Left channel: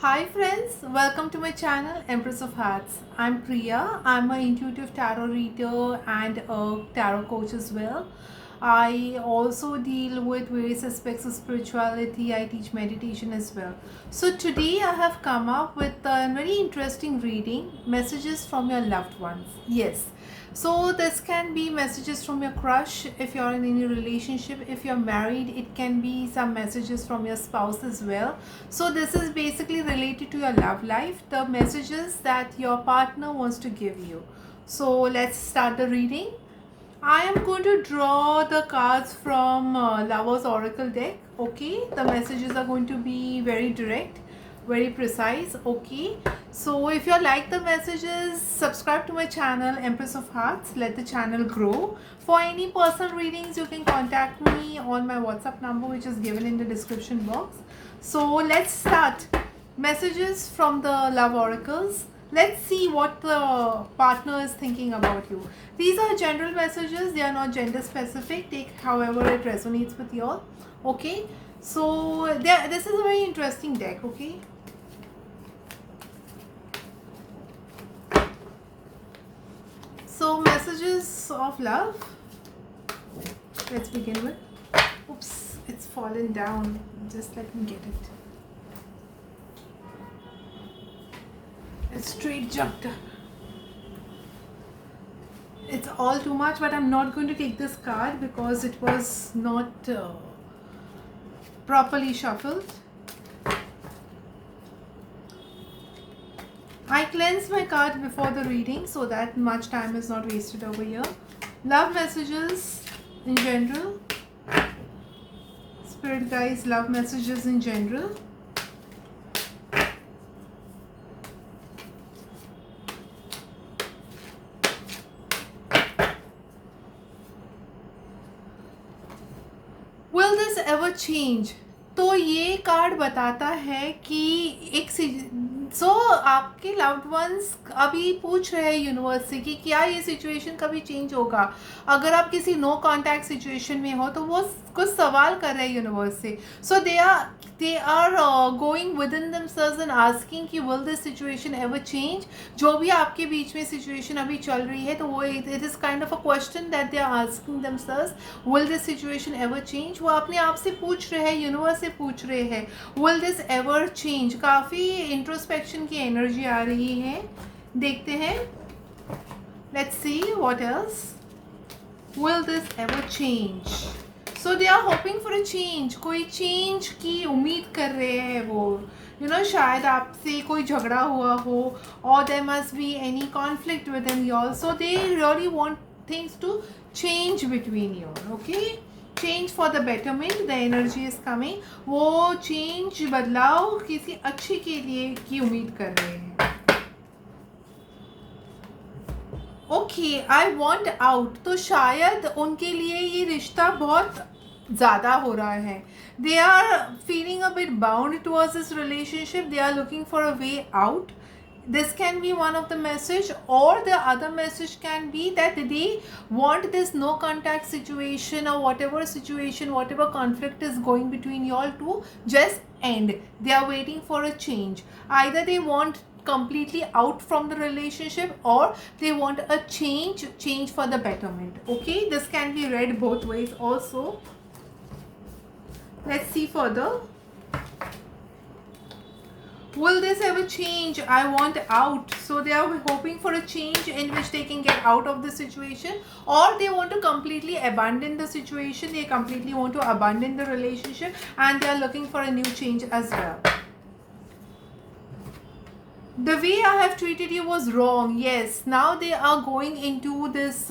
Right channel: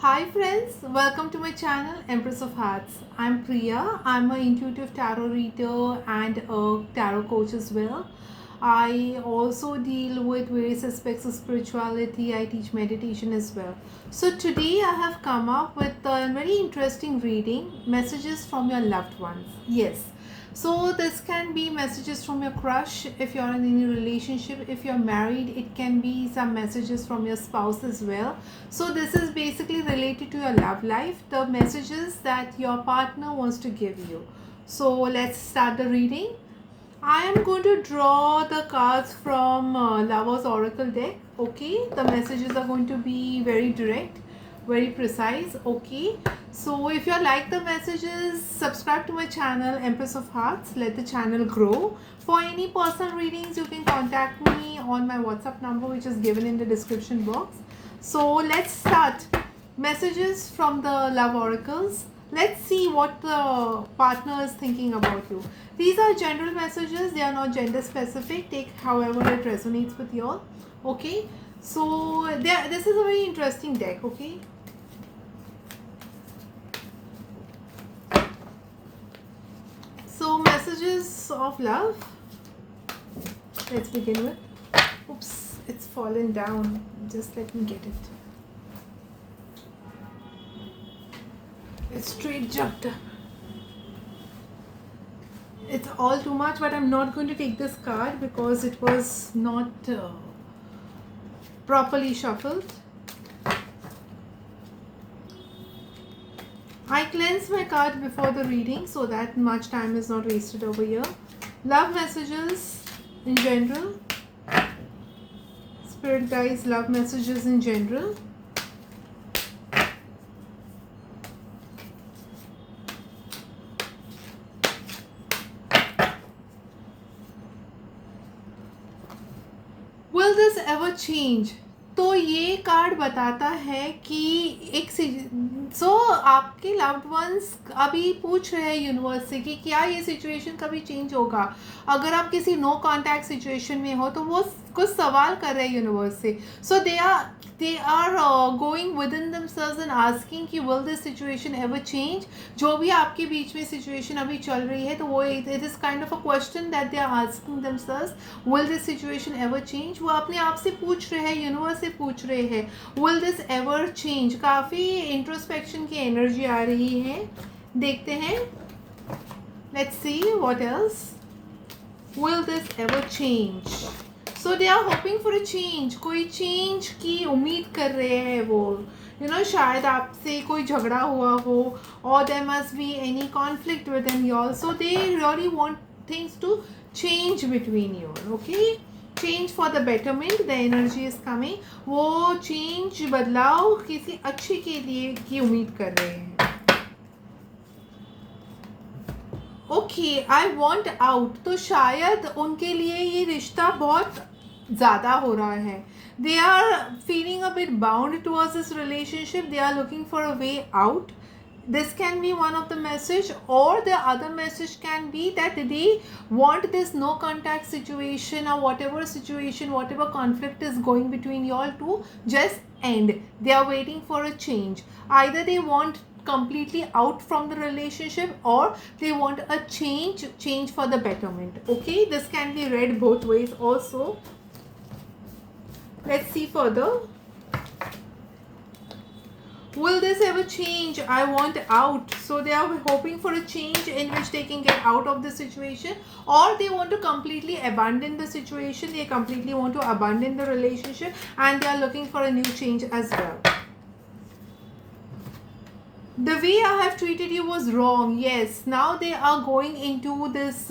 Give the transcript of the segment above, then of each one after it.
Hi friends, welcome to my channel Empress of Hearts. I'm Priya. I'm an intuitive tarot reader and a tarot coach as well. I also deal with various aspects of spirituality. I teach meditation as well. So today I have come up with a very interesting reading, messages from your loved ones. Yes. So this can be messages from your crush if you're in any relationship. If you're married, it can be some messages from your spouse as well. So this is basically related to your love life, the messages that your partner wants to give you. So let's start the reading. I am going to draw the cards from Lover's Oracle deck. Okay, the messages are going to be very direct, very precise. Okay, so if you like the messages, subscribe to my channel Empress of Hearts. Let the channel grow. For any personal readings, you can contact me on my WhatsApp number, which is given in the description box. So let's start. Messages from the Love Oracles. Let's see what the partner is thinking about you. These are general messages, they are not gender specific. Take however it resonates with you all. Okay, so this is a very interesting deck. Okay, so messages of love. Let's begin with. Oops, it's fallen down. Just let me get it. It's straight jumped. It's all too much, but I'm not going to take this card because it was not properly shuffled. I cleanse my card before the reading so that much time is not wasted over here. Love messages in general. Spirit guides, love messages in general. Will this ever change? तो ये card बताता है कि एक आपके loved ones अभी पूछ रहे हैं यूनिवर्स से कि क्या ये सिचुएशन कभी चेंज होगा. अगर आप किसी नो कॉन्टैक्ट सिचुएशन में हो तो वो कुछ सवाल कर रहे हैं यूनिवर्स से. सो they are going within themselves and asking कि will this situation ever change. जो भी आपके बीच में situation अभी चल रही है तो वो it is kind of a question that they are asking themselves. Will this situation ever change? वो अपने आप से पूछ रहे हैं, यूनिवर्स से पूछ रहे हैं will this ever change. काफ़ी इंट्रोस्पेक्शन की एनर्जी आ रही है. देखते हैं. Let's see what else. Will this ever change? So they are hoping for a change. कोई change की उम्मीद कर रहे हैं वो. शायद आपसे कोई झगड़ा हुआ हो or there must be any conflict within you all. So they really want things to change between you. Okay? Change for the betterment. The energy is coming. वो change बदलाव किसी अच्छे के लिए की उम्मीद कर रहे हैं. Okay, I want out. तो शायद उनके लिए ये रिश्ता बहुत ज़्यादा हो रहा है. They are feeling a bit bound towards this relationship. They are looking for a way out. This can be one of the message, or the other message can be that they want this no contact situation or whatever situation, whatever conflict is going between y'all to just end. They are waiting for a change. Either they want completely out from the relationship or they want a change for the betterment. Okay, this can be read both ways also. Let's see further. Will this ever change? I want out. So they are hoping for a change in which they can get out of the situation, or they want to completely abandon the situation. They completely want to abandon the relationship and they are looking for a new change as well. The way I have treated you was wrong. Yes, now they are going into this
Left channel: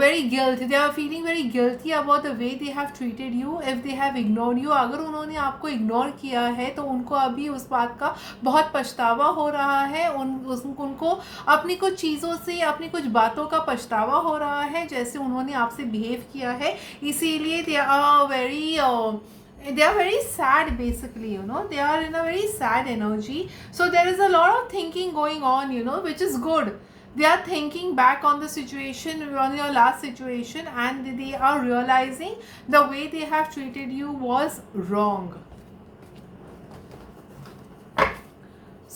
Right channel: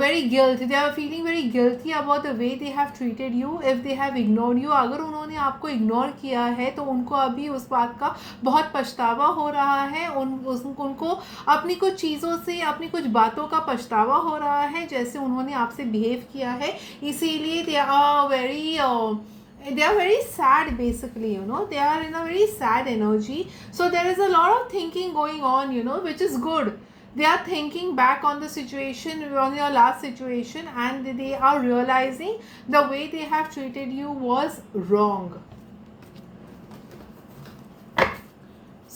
very guilt. They are feeling very guilty about the way they have treated you. If they have ignored you, अगर उन्होंने आपको ignore किया है तो उनको अभी उस बात का बहुत पछतावा हो रहा है. उनको अपनी कुछ चीज़ों से, अपनी कुछ बातों का पछतावा हो रहा है जैसे उन्होंने आपसे बिहेव किया है. इसीलिए they are very sad. Basically, they are in a very sad energy. So there is a lot of thinking going on, which is good. They are thinking back on the situation, on your last situation, and they are realizing the way they have treated you was wrong.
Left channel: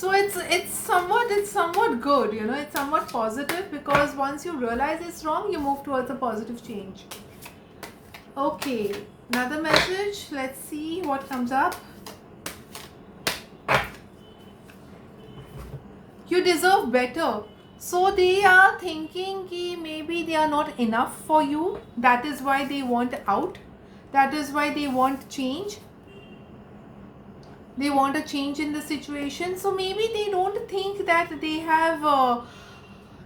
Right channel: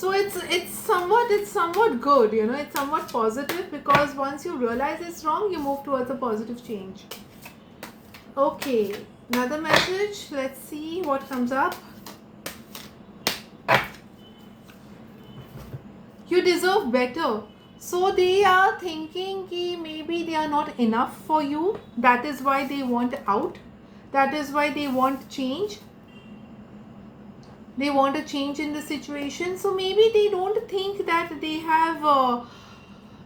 So it's somewhat good, you know, it's somewhat positive, because once you realize it's wrong, you move towards a positive change. Okay, another message. Let's see what comes up. You deserve better. So they are thinking ki maybe they are not enough for you. That is why they want out. That is why they want change. They want a change in the situation. So maybe they don't think that they have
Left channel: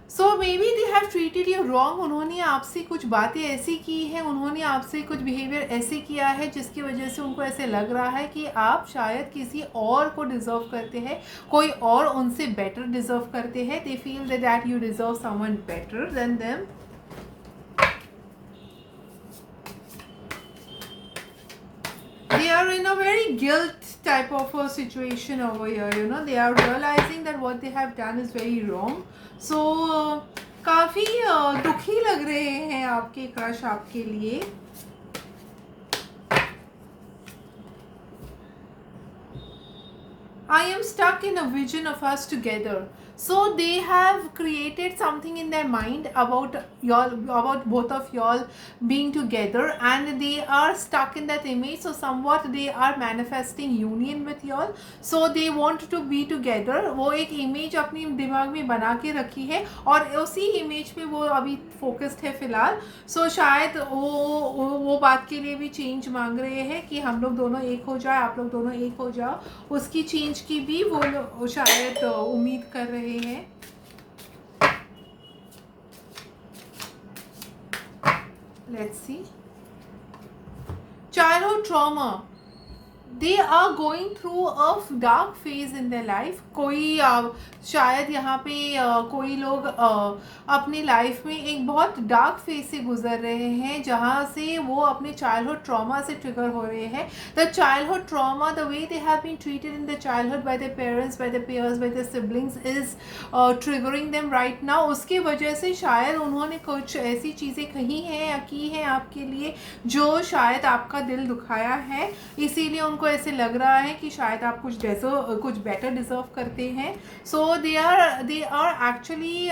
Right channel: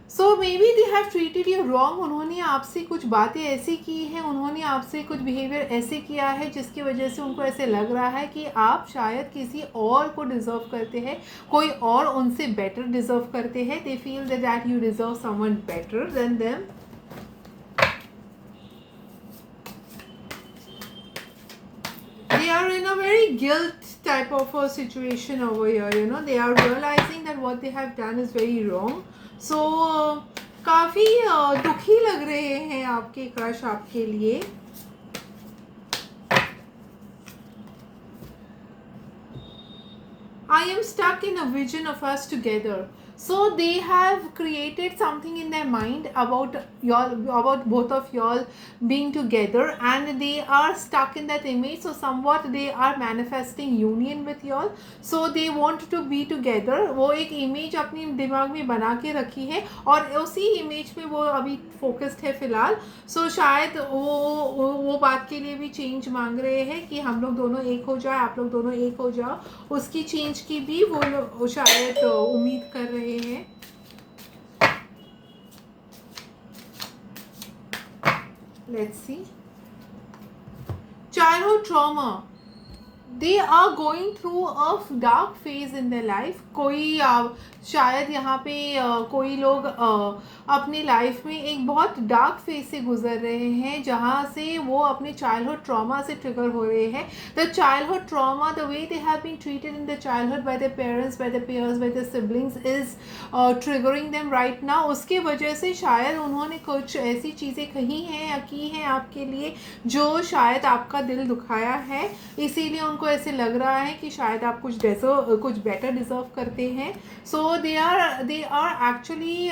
so maybe they have treated you wrong. उन्होंने आपसे कुछ बातें ऐसी की हैं, उन्होंने आपसे कुछ बिहेवियर ऐसे किया है जिसकी वजह से उनको ऐसे लग रहा है कि आप शायद किसी और को डिज़र्व करते हैं, कोई और उनसे बेटर डिज़र्व करते हैं. They feel that you deserve someone better than them. They are in a very guilt type of a situation over here, you know. They are realizing that what they have done is very wrong. So काफ़ी दुखी लग रहे हैं आपके crush आपके लिए. I am stuck in a vision of us together. So they have created something in their mind about y'all, about both of y'all being together, and they are stuck in that image. So somewhat they are manifesting union with y'all. So they want to be together. वो एक image अपनी दिमाग में बना के रखी है और उसी image में वो अभी focused है फिलहाल. So शायद वो बात के लिए भी change मांग रहे हैं कि हम लोग दोनों एक हो जाए, आप लोग दोनों एक हो जाओ. उसकी change की भी वो शायद उम्मीद कर रहे हैं. Let's see. Childhood trauma. They are going through a dark phase in their life. कोई शायद यहाँ पे कोई लोग अपनी लाइफ में एक बहुत डार्क फेज से गुजर रहे हैं जहाँ से वो अपने चाइल्डहुड ट्रॉमा से ट्रिगर हो रहे हैं. The childhood trauma, the way they have been treated in the childhood by the parents, by the peers, by the siblings is triggering them right now. उसके वजह से शायद उन्होंने कुछ ऐसी चीज़ें कही हैं या की हैं आपके लिए जो शायद आपका दिल दुखाया है. इसीलिए उनको ऐसे लग रहा है कि शायद आप कुछ बेटर डिजर्व करते हैं. So they are actually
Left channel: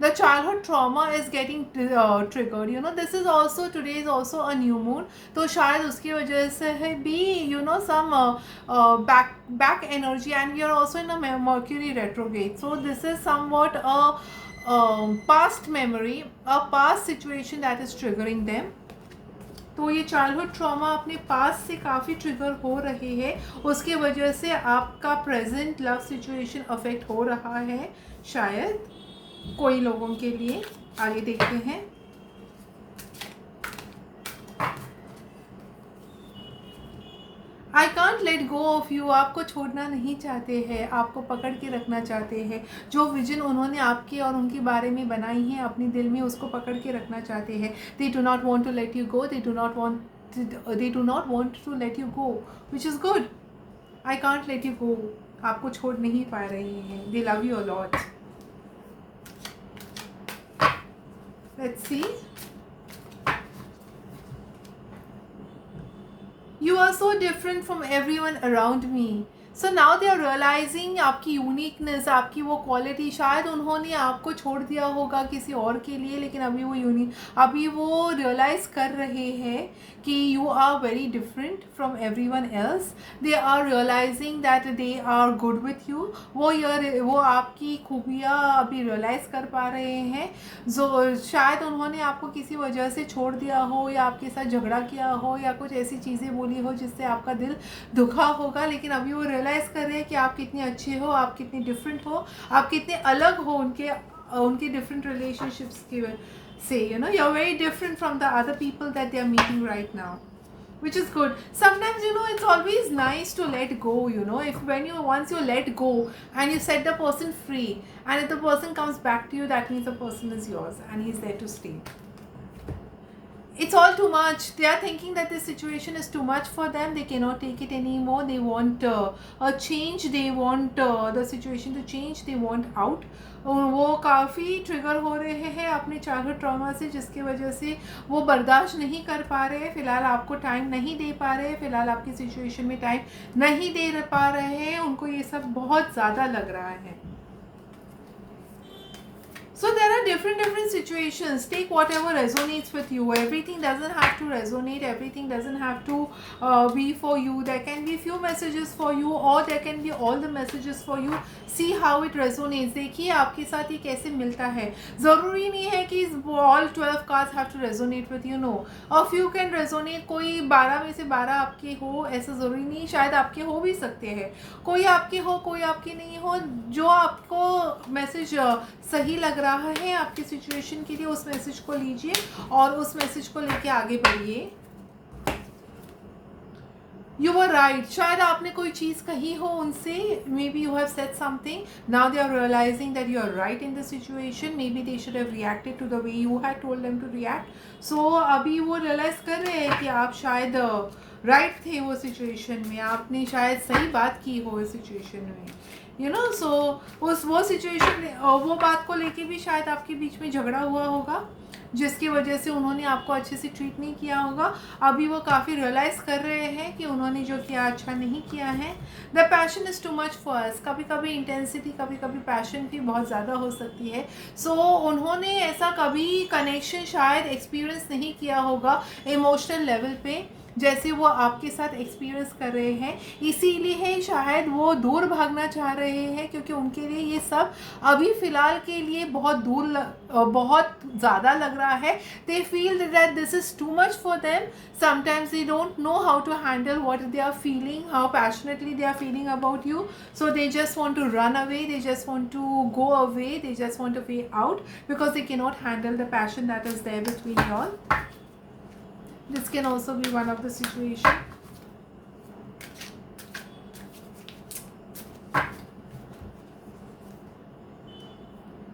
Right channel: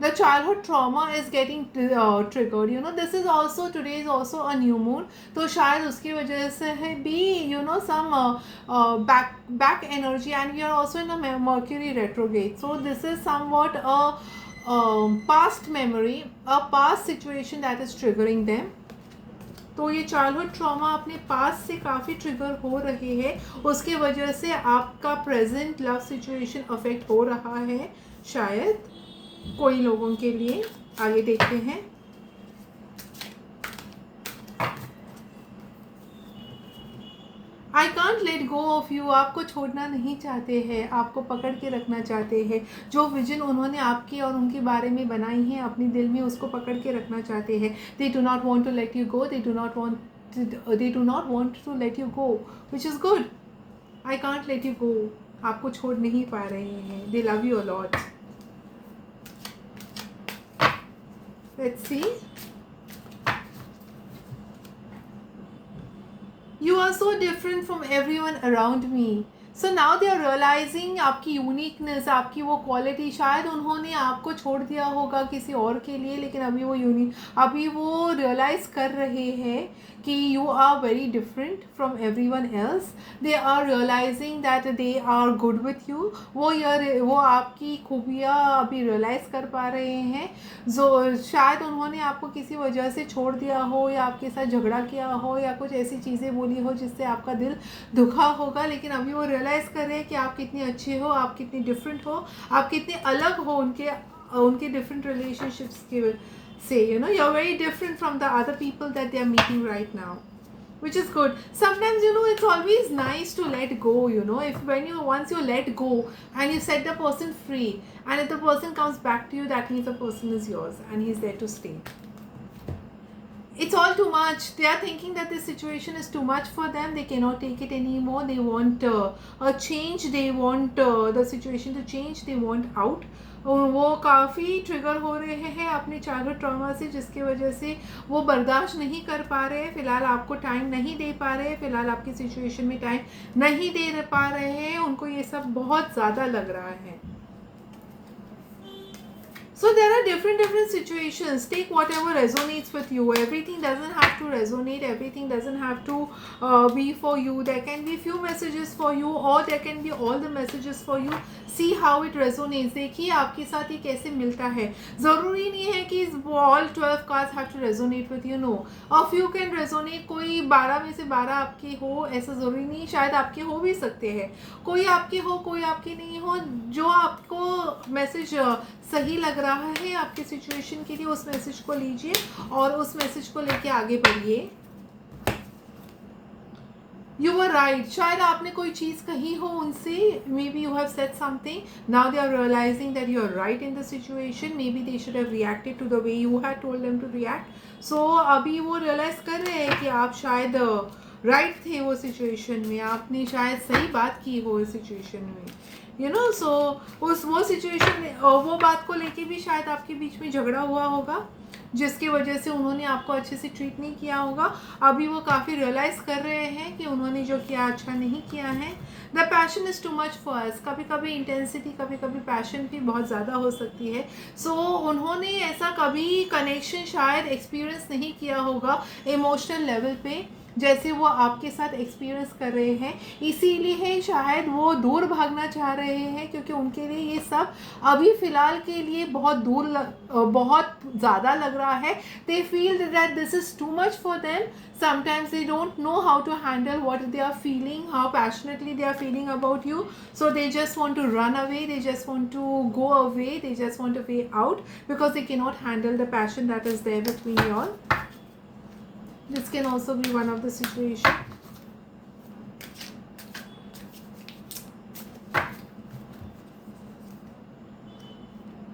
the childhood trauma is getting triggered, you know. This is also, today is also a new moon, तो शायद उसकी वजह से है भी, you know, some back energy, and we are also in a Mercury retrograde. So this is somewhat a past memory, a past situation that is triggering them. तो ये childhood trauma अपने पास से काफ़ी ट्रिगर हो रही है. उसके वजह से आपका प्रेजेंट लव सिचुएशन अफेक्ट हो रहा है शायद कोई लोगों के लिए. आगे देखते हैं. आई can't let go of you. आपको छोड़ना नहीं चाहते हैं, आपको पकड़ के रखना चाहते हैं. जो विजन उन्होंने आपकी और उनके बारे में बनाई है अपने दिल में, उसको पकड़ के रखना चाहते हैं. They do not want to let you go. They do not want to let you go, which is good. I can't let you go. आपको छोड़ नहीं पा रहे हैं. They love you a lot. Let's see. You are so different from everyone around me. So now they are realizing आपकी uniqueness, आपकी वो quality. शायद उन्होंने आपको छोड़ दिया होगा किसी और के लिए, लेकिन अभी वो रियलाइज़ कर रहे हैं कि you are very different from everyone else. They are realising that they are good with you. वो आपकी खूबियाँ अभी रियलाइज़ कर पा रहे हैं. जो शायद उन्होंने आपको किसी वजह से छोड़ दिया हो, या आपके साथ झगड़ा किया हो, या कुछ ऐसी चीज़ें बोली हो जिससे आपका दिल दुखा होगा. लेकिन अभी वो रियलाइज़ कर रहे हैं कि आप कितने अच्छे हो, आप कितने डिफरेंट हो, आप कितने अलग हो उनके डिफरेंट रिलेशनशिप्स की से. You know, you're very different from the other people that they are meeting right now, which is good. Sometimes, you know, it's always nice to let go, you know. Once you let go and you set the person free, and if the person comes back to you, that means the person is yours and he's there to stay. It's all too much. They are thinking that this situation is too much for them. They cannot take it anymore. They want a change. They want the situation to change. They want out. वो काफ़ी trigger हो रहे हैं अपने childhood trauma से, जिसकी वजह से वो बर्दाश्त नहीं कर पा रहे हैं. फ़िलहाल आपको टाइम नहीं दे पा रहे हैं, फ़िलहाल आपकी सिचुएशन में टाइम नहीं दे पा रहे हैं. उनको ये सब बहुत ज़्यादा लग रहा है. So there are different situations. Take whatever resonates with you. Everything doesn't have to resonate. Everything doesn't have to be for you. There can be few messages for you, or there can be all the messages for you. See how it resonates. देखिए आपके साथ ये कैसे मिलता है. ज़रूरी नहीं है कि all 12 cards have to resonate with you. No, a few can resonate. कोई 12 में से 12 आपके हो ऐसा ज़रूरी नहीं. शायद आपके हो भी सकते हैं. कोई आपके हो, कोई आपके नहीं हो. जो आपको मैसेज सही लग रहा है आपके सिचुएशन के लिए, उस मैसेज को लीजिए और उस मैसेज को लेके आगे बढ़िए. You were right. शायद आपने कोई चीज़ कही हो उनसे. Maybe you have said something. Now they are realising that you are right in the situation. Maybe they should have reacted to the way you had told them to react. So अभी वो realise कर रहे हैं कि आप शायद right थे वो सिचुएशन में. आपने शायद सही बात की हो उस सिचुएशन में. यू नो, सो उस वो सिचुएशन में वो बात को लेके भी शायद आपके बीच में झगड़ा हुआ होगा, जिसकी वजह से उन्होंने आपको अच्छे से ट्रीट नहीं किया होगा. अभी वो काफ़ी रियलाइज़ कर रहे हैं कि उन्होंने जो किया अच्छा नहीं किया है. The passion is too much for us. कभी कभी इंटेंसिटी, कभी कभी पैशन की बहुत ज़्यादा हो सकती है. सो उन्होंने ऐसा कभी कनेक्शन शायद एक्सपीरियंस नहीं किया होगा इमोशनल लेवल पे जैसे वो आपके साथ एक्सपीरियंस कर रहे हैं. इसीलिए शायद वो दूर भागना चाह रहे हैं, क्योंकि उनके लिए ये सब अभी फ़िलहाल के लिए बहुत बहुत ज़्यादा लग रहा है. They feel that this is too much for them. Sometimes they don't know how to handle what they are feeling, how passionately they are feeling about you. So they just want to run away, they just want to go away, they just want to way out because they cannot handle the passion that is there between you all. This can also be one of the situation.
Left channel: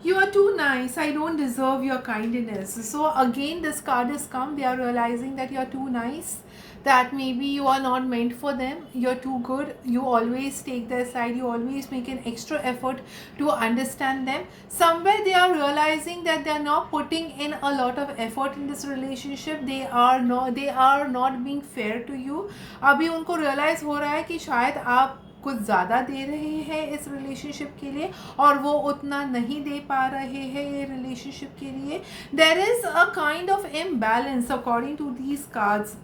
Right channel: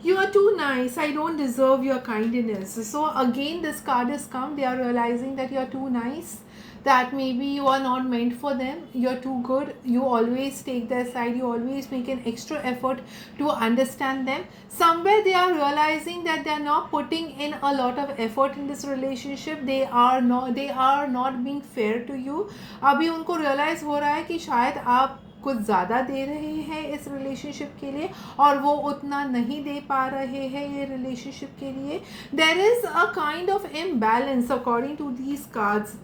You are too nice. I don't deserve your kindness. So again, this card has come. They are realizing that you are too nice. That maybe you are not meant for them. You're too good. You always take their side. You always make an extra effort to understand them. Somewhere they are realizing that they are not putting in a lot of effort in this relationship. They are not being fair to you. अभी उनको realize हो रहा है कि शायद आप कुछ ज़्यादा दे रहे हैं इस रिलेशनशिप के लिए और वो उतना नहीं दे पा रहे हैं ये रिलेशनशिप के लिए. There is a kind of imbalance according to these cards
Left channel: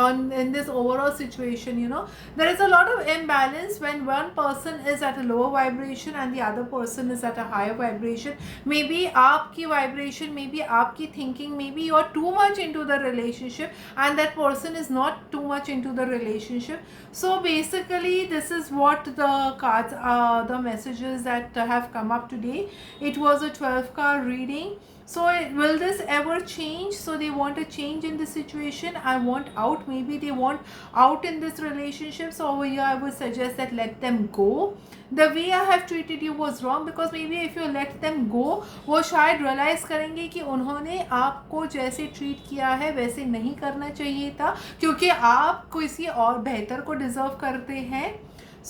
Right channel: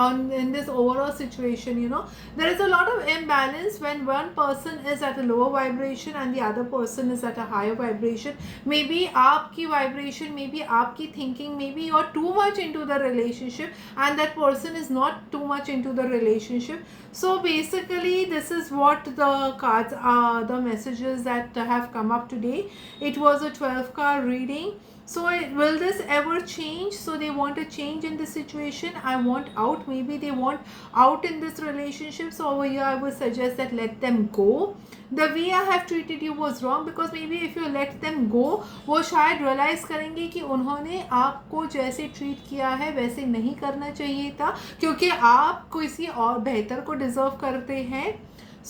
in this overall situation. You know, there is a lot of imbalance when one person is at a lower vibration and the other person is at a higher vibration. Maybe आपकी vibration, maybe आपकी thinking, maybe you are too much into the relationship and that person is not too much into the relationship. So basically this is what the cards are, the messages that have come up today. It was a 12 card reading. So will this ever change? So they want a change in this situation. I want out. Maybe they want out in this relationship. So over here I would suggest that let them go. The way I have treated you was wrong, because maybe if you let them go, वो शायद realize करेंगे कि उन्होंने आपको जैसे treat किया है वैसे नहीं करना चाहिए था, क्योंकि आप किसी और बेहतर को deserve करते हैं.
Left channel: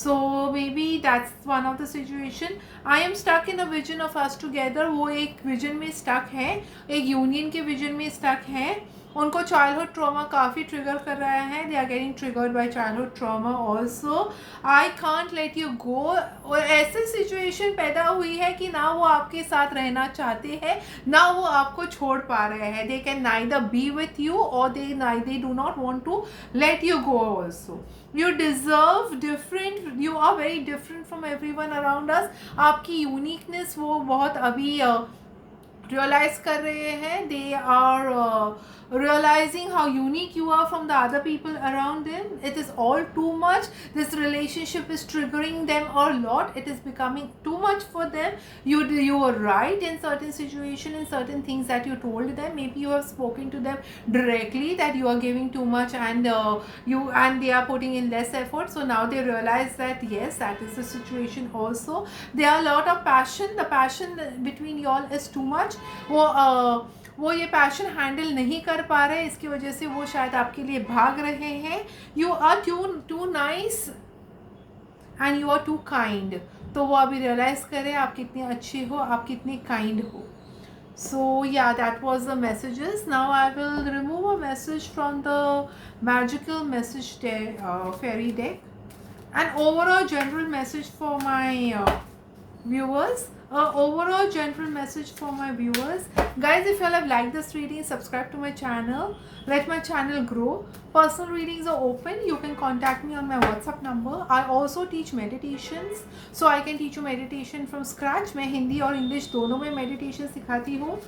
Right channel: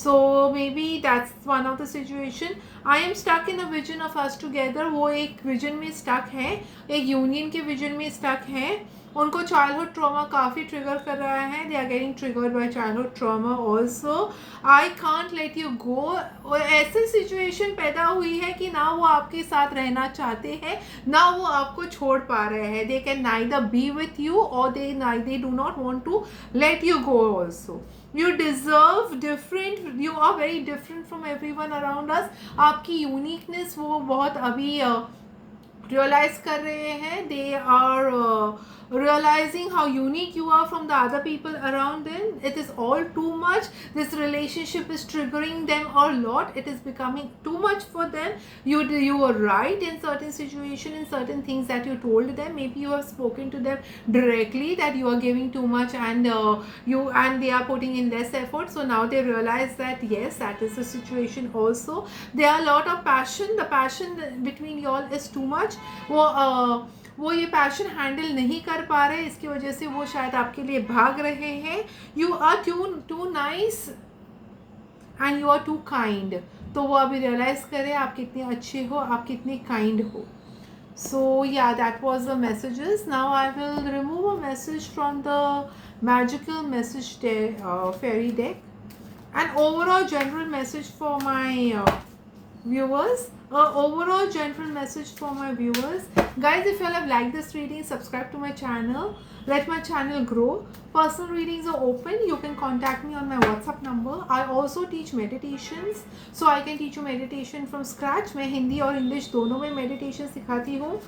So maybe that's one of the situation. I am stuck in a vision of us together. वो एक vision में stuck है, एक union के vision में stuck है. उनको childhood trauma काफ़ी trigger कर रहा है. They are getting triggered by childhood trauma also. I can't let you go. और ऐसी situation पैदा हुई है कि ना वो आपके साथ रहना चाहते हैं, ना वो आपको छोड़ पा रहे हैं. They can neither be with you or they do not want to let you go also. You deserve different. You are very different from everyone around us. आपकी uniqueness वो बहुत अभी realize कर रहे हैं. They are realizing how unique you are from the other people around them. It is all too much. This relationship is triggering them a lot. It is becoming too much for them. You were right in certain situation, in certain things that you told them. Maybe you have spoken to them directly that you are giving too much and they are putting in less effort. So now they realize that yes, that is the situation also. There are a lot of passion. The passion between y'all is too much. वो ये passion handle नहीं कर पा रहे, इसकी वजह से वो शायद आपके लिए भाग रहे हैं. You are too nice and you are too kind. तो वो अभी रियलाइज़ करें आप कितने अच्छे हो, आप कितने काइंड हो. So yeah that was the messages. Now I will remove a message from the magical message fairy deck. An overall general message for my viewers. Overall general message for my viewers. Guys, if you all have liked this reading, subscribe to my channel. Let my channel grow. Personal readings are open. You can contact me on my WhatsApp number. I also teach meditations. So I can teach you meditation from scratch. मैं हिंदी और English दोनों में meditation सिखाती हूँ.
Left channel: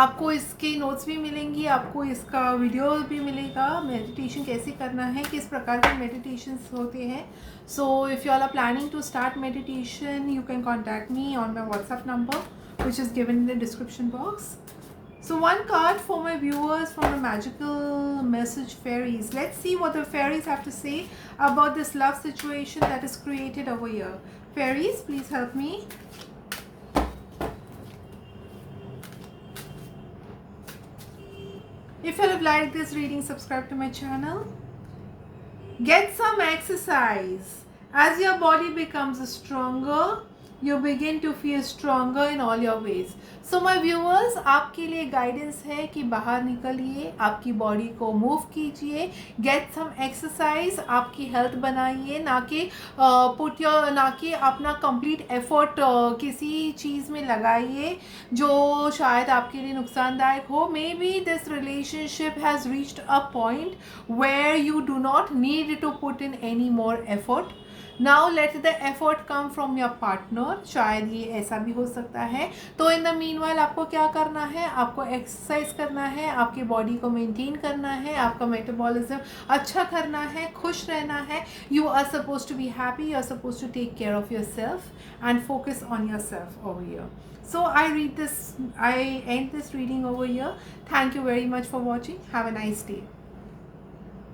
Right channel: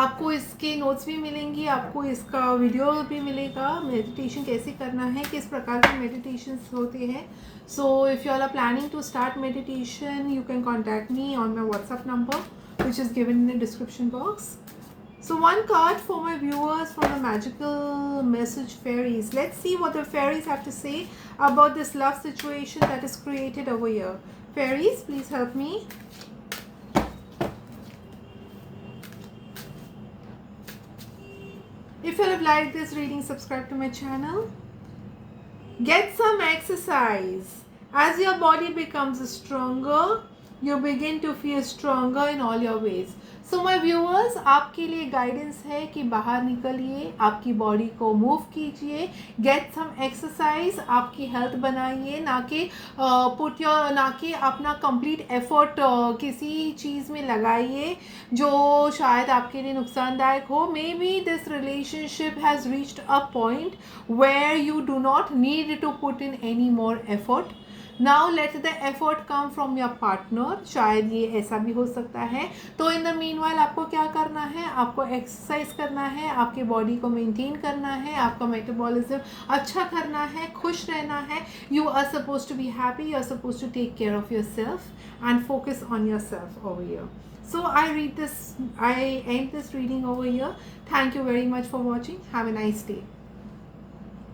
आपको इसके notes भी मिलेंगी, आपको इसका वीडियो भी मिलेगा, मेडिटेशन कैसे करना है, किस प्रकार के मेडिटेशन होते हैं. So if you all are planning to start meditation, you can contact me on my WhatsApp number which is given in the description box. So one card for my viewers from the magical message fairies. Let's see what the fairies have to say about this love situation that is created over here. Fairies, please help me. If you have liked this reading, subscribe to my channel. Get some exercise. As your body becomes stronger, you begin to feel stronger in all your ways. So my viewers, आपके लिए guidance है कि बाहर निकलिए, आपकी body को move कीजिए, get some exercise, आपकी हेल्थ बनाइए, ना कि अपना कंप्लीट एफर्ट किसी चीज़ में लगाइए जो शायद आपके लिए नुकसानदायक हो. May be this relationship has reached a point where you do not need to put in any more effort. Now let the effort come from your partner. शायद ये ऐसा भी हो सकता है. तो इन द मीनवाइल आपको क्या करना है, आपको एक्सरसाइज करना है, आपके बॉडी को मेंटेन करना है, आपका मेटाबॉलिज्म अच्छा करना है, खुश रहना है. You are suppose to be happy, you are suppose to take care of yourself and focus on yourself over here. So I end this reading over here. Thank you very much for watching. Have a nice day.